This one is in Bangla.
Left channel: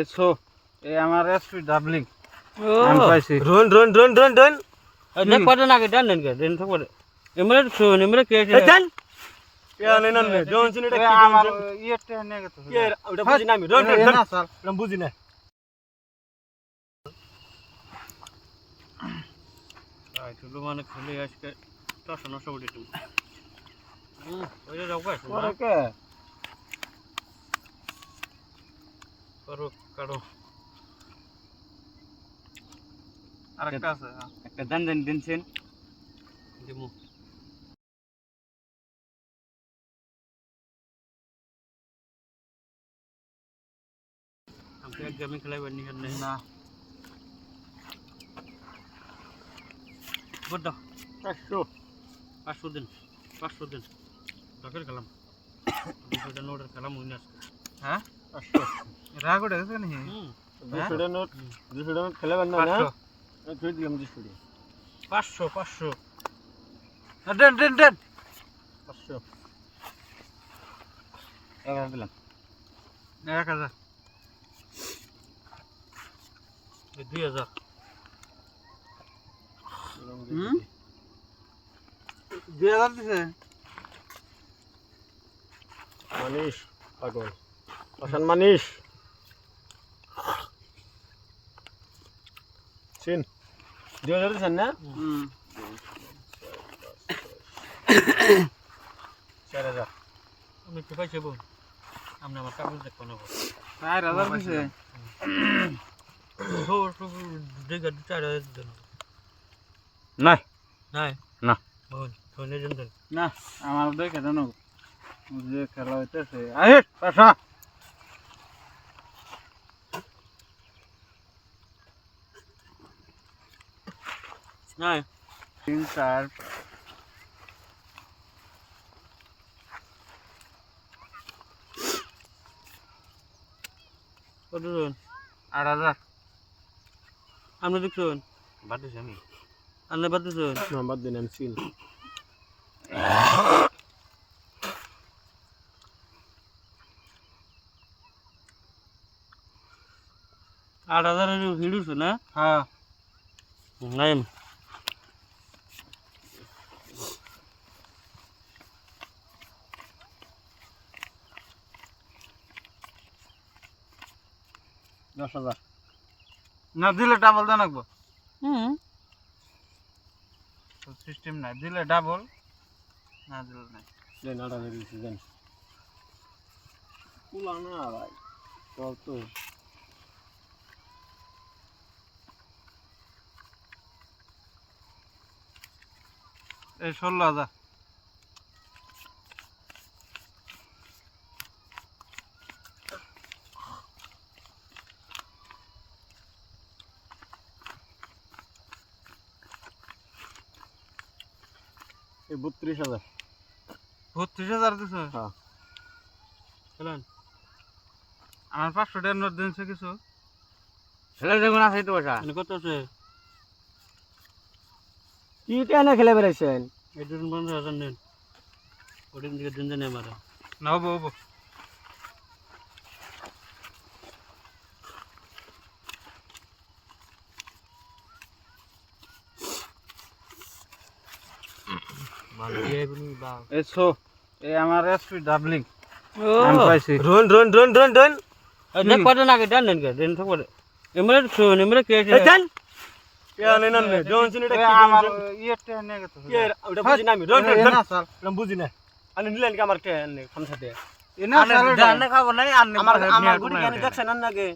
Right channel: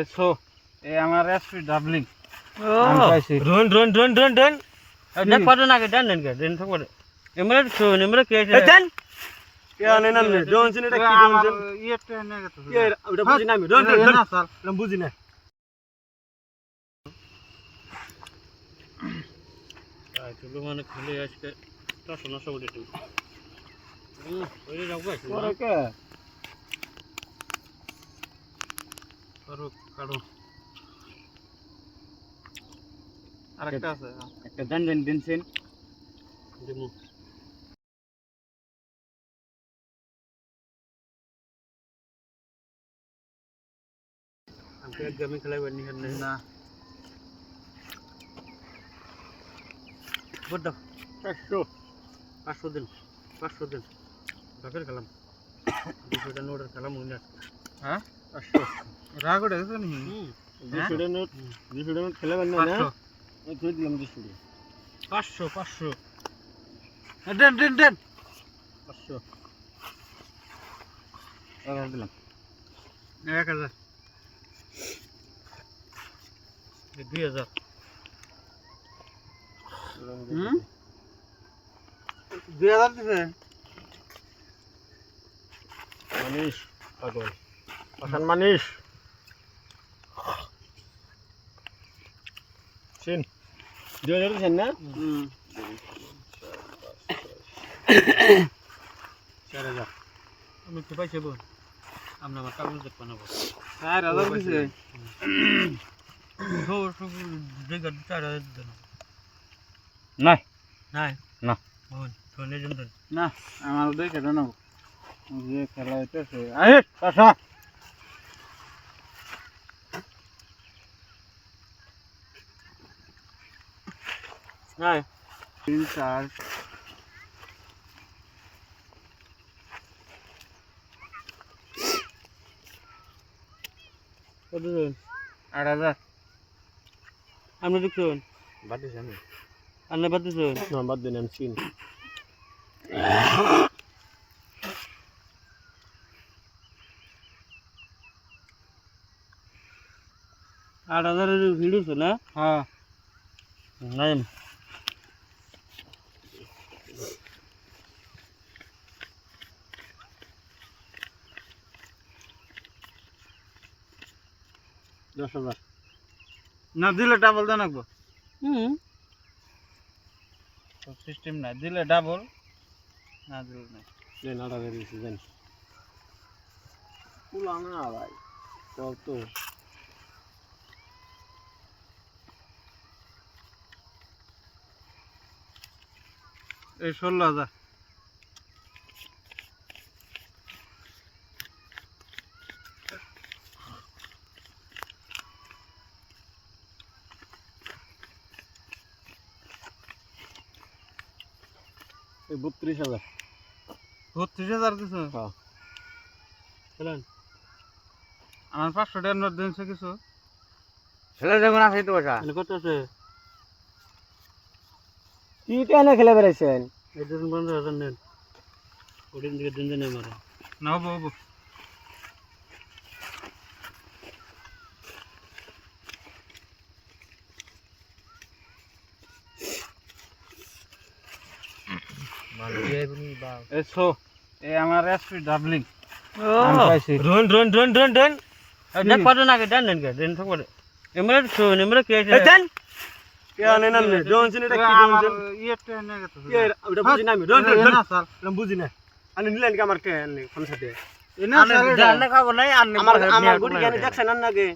এসো এ আমার এসপি ডাবলিং ও আমি পাইছি রন দেখ পারে না কেন দেন দেন থাকবে এমরে শুন এমরে কে আছে দেন কে আনে না নে জন সিন এটা কি আমার জন ইয়েটা নে গেছে কে ওটা বুঝি না আমি রন না স্যার আমি বুঝি না চলো মানে খেলে আজকে 900 উঠে দিন ওইটা রাখবা পরে কে করো কাটো আরেকটা আছে একটা দেন দেন দিনছেন দিমু আমি এক গেমে খেলাইবার নি না বড় 500 দিন ঢাকার খেলাম 200 নোটের খেলাম উইনার হ্যাঁ 500 রাগ উঠে গেছে নি 200 নোট খেলে বান না আমি ধরে দিলাম 200 500 দেন 500 1000 দিলাম 1000 2000 2000 দিছে মানিস পাগল পাশান মানিস চিন 2000 দিছেন না 4000 আমি তো পাইছি বোন আমরা আমার কাগজ দেখব না 4000 দিছে দেখে 4000 দেন নাই নাই না বোন ফোনে জন্য না আমার দেখে দেন যে খেলা হইতেছে আরে পাশা নাই 3 4 কত জন 8000 আমরা দেখছেন বাদ দিছেন আমি আন্না বাদ দিছেন না বাদ দেন আমি চিন 8000 এর ভিডিও না হ্যাঁ নাই না দিলে ডাবল দেন রাখবো হুম সিস্টেম না দিলে ডাবল না দিলে নাই দেন 8000 দিছি দেন কুলা না ভাই কত এই 16000 এই 32000 32000 দিছে হ্যাঁ চলেন আমার 500 টাকার নোট দিনছে কিছু খেলে দেখুন আছে তো পয়সা এনে কত আছে কি টানে খেলে বেড়াইছেন এই ধরুন 15000 নেন ওদিন দিকে দিন জানে আমারে না হবো মানে দিয়েবনি বা এসো এ আমার এসপি ডাবলিং ও আমি পাইছি রন দেখ পারে না কেন দেন দেন থাকবে এমরে শুন এমরে কে আছে দেন কে আনে না নে জন সিন এটা কি আমার জন ইয়েটা নে গেছে কে ওটা বুঝি না আমি রন না স্যার আমি বুঝি না আনি নিলেন কি আমার কে আনে খামসাতে এনা স্যার জানা খাবো নাই আমার গুড়ি জ্ঞানী দেখছেন না গে